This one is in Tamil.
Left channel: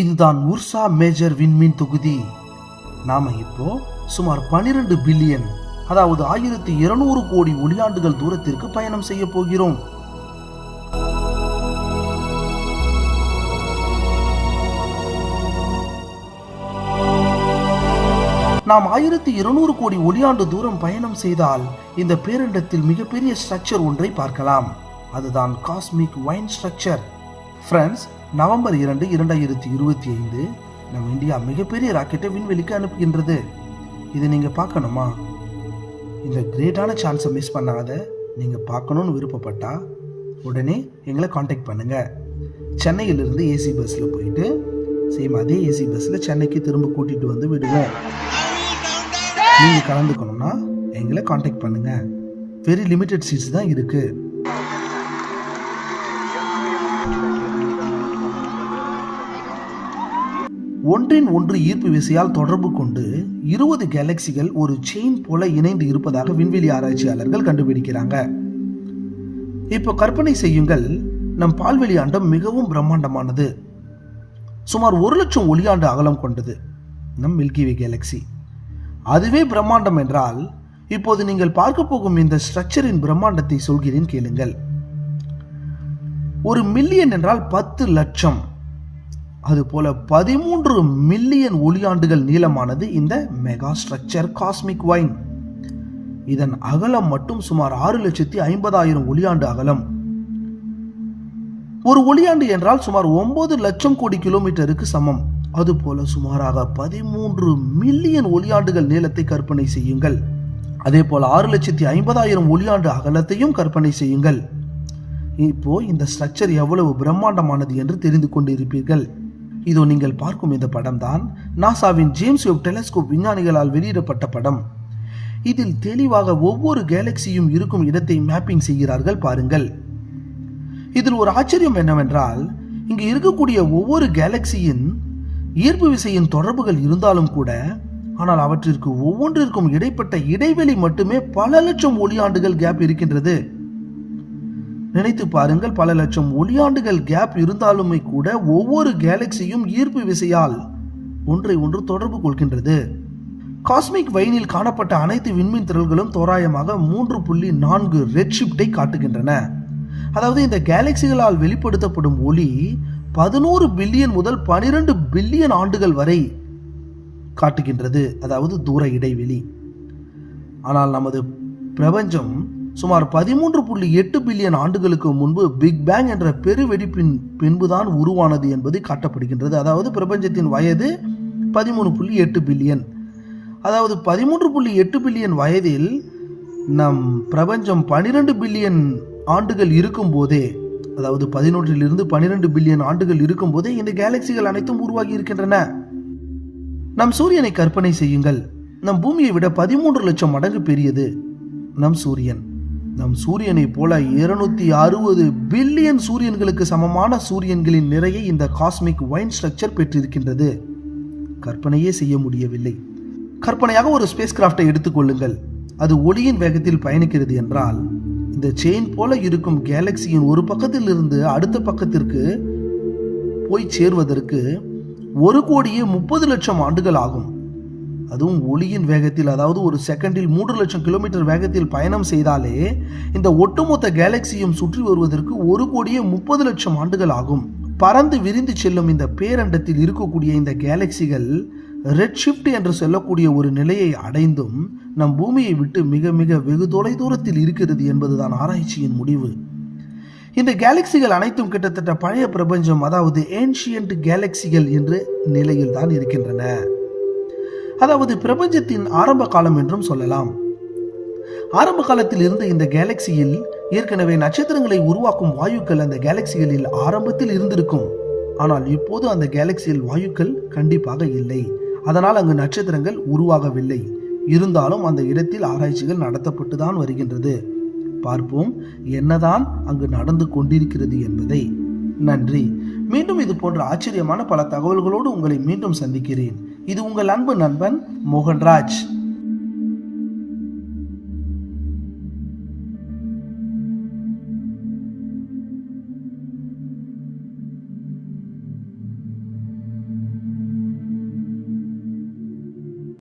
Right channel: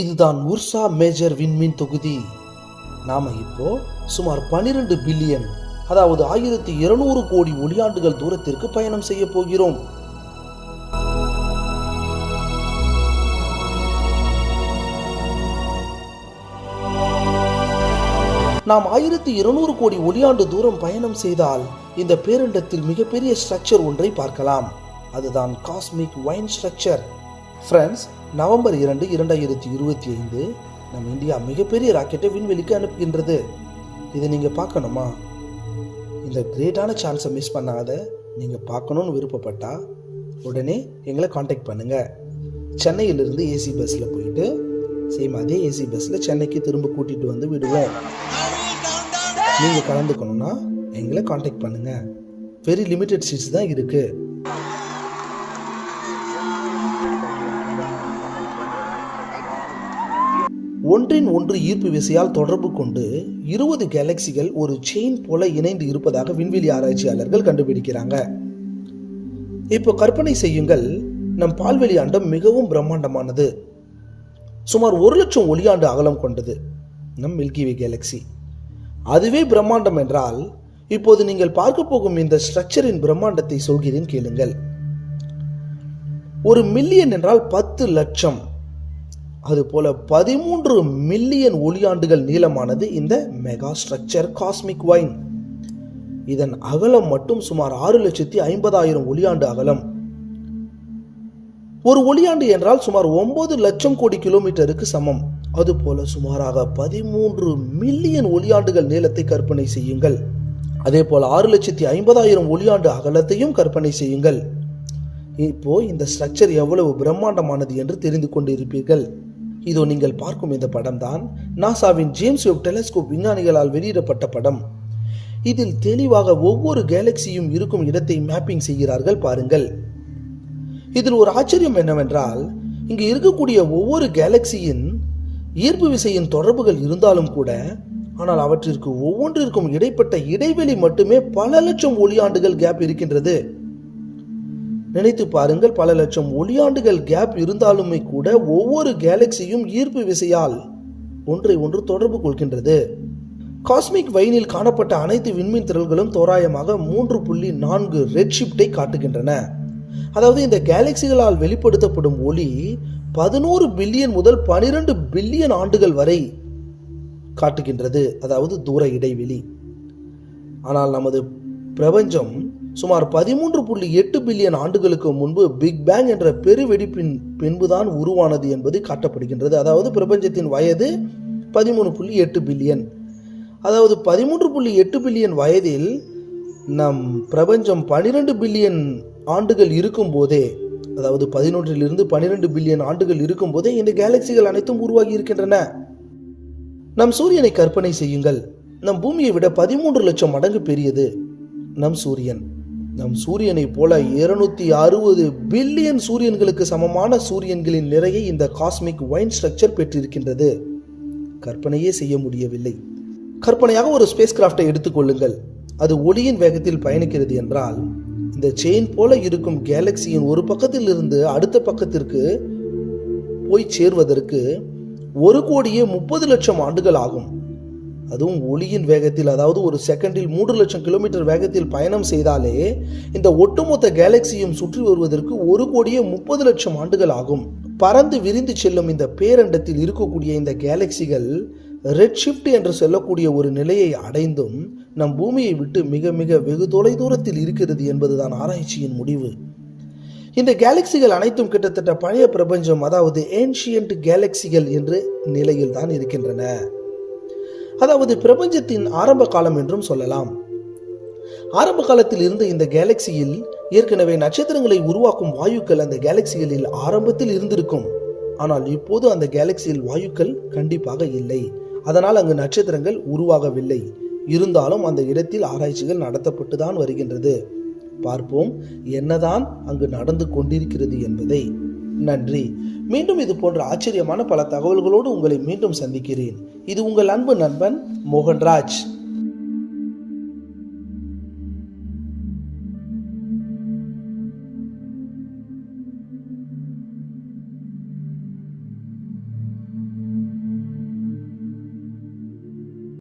இதுதான் உர்சா மேஜர் விண்மீன் தொகுதி. நாம இப்போ சுமார் 12 பில்லியன் அதாவது ஆயிரத்தி இருநூறு கோடி ஒளியாண்டுகள் தூரத்திற்கு பயணம் செய்ய போகிறோம். நாம் ஆயிரத்தி இருநூறு கோடி ஒளியாண்டு தூரம் பயணம் செய்தால் இந்த பேரண்டத்தில் மிகப்பெரிய ஸ்ட்ரக்சர் ஒன்றை பார்க்கலாம். அதுதான் cosmic vine structure. Friends November இரண்டு இரண்டாயிரத்தி இருபத்தி ஐந்து நம் இந்தியா மிகப்பெரிய ராக்கெட்டை விண்வெளிக்கு அனுப்புகின்றது. இதை நீங்கள் பார்க்கணுமா? இந்த கிரேட்டான சான்ஸை மிஸ் பண்ணாத. நீங்கள் பார்க்கணுன்னு விருப்பப்பட்டா உடனே எங்களை காண்டாக்ட் பண்ணுங்கள் சென்னையிலிருந்து ஏசி பஸ்ஸில் போயிட்டு சேம் அதே ஏசி பஸ்ஸில் சென்னைக்கு திரும்ப கூட்டிகிட்டு வந்து விடுவேன். நீங்கள் கலந்துக்கணும்னா எங்களை காண்டாக்ட் பண்ணுங்கள் வெரி லிமிட்டட் சீட்ஸ் தான் இருக்குது ஒன்றின் ஒன்று ஈர்ப்பு விசையால் தொடர்பு கொண்டு இருபது கேலக்சிகள் ஒரு செயின் போல இணைந்து இருப்பதாக விண்வெளி ஆராய்ச்சியாளர்கள் கண்டுபிடிக்கிறாங்க. இப்போ கற்பனை செய்யுங்கள் நம் பால்வெளி ஆண்டம் மிகவும் பிரம்மாண்டமானது. சுமார் ஒரு லட்சம் ஒளியாண்டு அகலம் கொண்டது நம் மில்கிவே கேலக்சி அதுவே பிரம்மாண்டம் என்றால் இப்போது நீங்கள் பார்க்க போகும் இந்த ஸ்ட்ரக்சரின் பிரம்மாண்டத்தை சொல்கிறேன் கேளுங்கள். ஒரு மில்லியன் என்றால் பத்து லட்சம். அதுபோல் பதிமூன்று மில்லியன் ஒளியாண்டுகள் நீளமானது இந்த மெகா ஸ்ட்ரக்சர் காஸ்மிக் வைன். இதன் அகலம் மட்டும் சுமார் ஆறு லட்சத்தி ஐம்பதாயிரம் ஒளியாண்டு அகலம். ஒரு ஒளியாண்டு என்றால் சுமார் ஒன்பது லட்சம் கோடி கிலோமீட்டருக்கு சமம். அதுபோல சுமாராக பதிமூன்று மில்லியன் ஒளியாண்டுகள் நீளத்தை கற்பனை செய்யுங்கள். அதே போல் ஆறு லட்சத்தி ஐம்பதாயிரம் ஒளியாண்டு அகலத்தையும் கற்பனை செய்யுங்கள். இப்போ இந்த ஸ்ட்ரக்சர் எவ்வளவு பிரம்மாண்டமானது என்று தெரிந்து கொண்டிருப்பீர்கள். இதோ நீங்கள் பார்க்கும் இந்த படம் தான் நாசாவின் ஜேம்ஸ் வெப் டெலஸ்கோப் விஞ்ஞானிகளால் வெளியிடப்பட்ட படம். இதில் தெளிவாக ஒவ்வொரு கேலக்சியும் இருக்கும் இடத்தை மேப்பிங் செய்கிறார்கள் பாருங்கள். இதில் ஒரு ஆச்சரியம் என்னவென்றால் இங்கு இருக்கக்கூடிய ஒவ்வொரு கேலக்சியின் ஈர்ப்பு விசையின் தொடர்புகள் இருந்தாலும் கூட ஆனால் அவற்றிற்கு ஒவ்வொன்றிற்கும் இடைப்பட்ட இடைவெளி மட்டுமே பல லட்சம் ஒளியாண்டுகள் கேப் இருக்கின்றது. நினைத்து பாருங்கள் பல லட்சம் ஒளியாண்டுகள் கேப் இருந்தாலுமே கூட ஒவ்வொரு கேலக்சியும் ஈர்ப்பு விசையால் ஒன்றை ஒன்று தொடர்பு கொள்கின்றது. காஸ்மிக் வைனில் காணப்பட்ட அனைத்து விண்மீன் திரள்களும் தோராயமாக மூன்று புள்ளி நான்கு ரெட் ஷிப்டை காட்டுகின்றன. அதாவது இந்த கேலக்சிகளால் வெளிப்படுத்தப்படும் ஒளி பதினோரு பில்லியன் முதல் பனிரெண்டு பில்லியன் ஆண்டுகள் வரை காட்டுகின்றது. அதாவது தூர இடைவெளி. ஆனால் நமது பிரபஞ்சம் சுமார் பதிமூன்று புள்ளி எட்டு பில்லியன் ஆண்டுகளுக்கு முன்பு பிக் பேங் என்ற பெருவெடிப்பின் பின்புதான் உருவானது என்பது காட்டப்படுகின்றது. அதாவது பிரபஞ்சத்தின் வயது பதிமூணு புள்ளி எட்டு பில்லியன். அதாவது பதிமூன்று புள்ளி எட்டு பில்லியன் வயதில் நம் பிரபஞ்சம் பனிரெண்டு பில்லியன் ஆண்டுகள் இருக்கும்போதே அதாவது பதினொன்றிலிருந்து பனிரெண்டு பில்லியன் ஆண்டுகள் இருக்கும்போதே இந்த கேலக்சிகள் அனைத்தும் உருவாகி இருக்கின்றன. நம் சூரியனை கற்பனை செய்யுங்கள். நம் பூமியை விட பதிமூன்று லட்சம் மடங்கு பெரியது. நம் சூரியன். நம் சூரியனைப் போல இருநூத்தி அறுபது பில்லியன் சூரியன்களுக்கு சமமான சூரியன்களின் நிறையை இந்த காஸ்மிக் வைன் ஸ்ட்ரக்சர் பெற்றிருக்கின்றது. கற்பனையே செய்ய முடியவில்லை. கற்பனையாக ஒரு ஸ்பேஸ் கிராஃப்டை எடுத்துக்கொள்ளுங்கள் அது ஒளியின் வேகத்தில் பயணிக்கிறது என்றால் இந்த செயின் போல இருக்கும் கேலக்சியின் ஒரு பக்கத்தில் இருந்து அடுத்த பக்கத்திற்கு போய் சேர்வதற்கு ஒரு கோடியே முப்பது லட்சம் ஆண்டுகள் ஆகும். அதுவும் ஒளியின் வேகத்தில் அதாவது ஒரு செகண்டில் மூன்று லட்சம் கிலோமீட்டர் வேகத்தில் பயணம் செய்தாலே இந்த ஒட்டுமொத்த கேலக்சியும் சுற்றி வருவதற்கு ஒரு கோடியே முப்பது லட்சம் ஆண்டுகள் ஆகும். பறந்து விரிந்து செல்லும் இந்த பேரண்டத்தில் இருக்கக்கூடிய இந்த கேலக்சிகள் ரெட் ஷிஃப்ட் என்று சொல்லக்கூடிய ஒரு நிலையை அடைந்தும் நம் பூமியை விட்டு மிக மிக வெகு தொலை தூரத்தில் இருக்கிறது என்பதுதான் ஆராய்ச்சியின் முடிவு. இந்த கேலக்சிகள் அனைத்தும் கிட்டத்தட்ட பழைய பிரபஞ்சம் அதாவது ஏன்ஷியன்ட் கேலக்சிகள் என்ற நிலையில் தான் இருக்கின்றன. அதாவது பிரபஞ்சத்தின் ஆரம்ப காலம் என்றும் சொல்லலாம். ஆரம்ப காலத்தில் இருந்த இந்த கேலக்சியில் ஏற்கனவே நட்சத்திரங்களை உருவாக்கும் வாயுக்கள் அந்த கேலக்சிகளில் ஆரம்பத்தில் இருந்திருக்கும். ஆனால் இப்போது அந்த கேலக்சியில் வாயுக்கள் கண்டிப்பாக இல்லை. அதனால் அங்கு நட்சத்திரங்கள் உருவாகவில்லை. இருந்தாலும் அந்த இடத்தில் ஆராய்ச்சிகள் நடத்தப்பட்டு தான் வருகின்றது. பார்ப்போம் என்னதான் அங்கு நடந்து கொண்டிருக்கிறது என்பதை. நன்றி. மீண்டும் இது போன்ற ஆச்சரியமான பல தகவல்களோடு உங்களை மீண்டும் சந்திக்கிறேன். இது உங்கள் அன்பு நண்பன் மோகன்ராஜ்.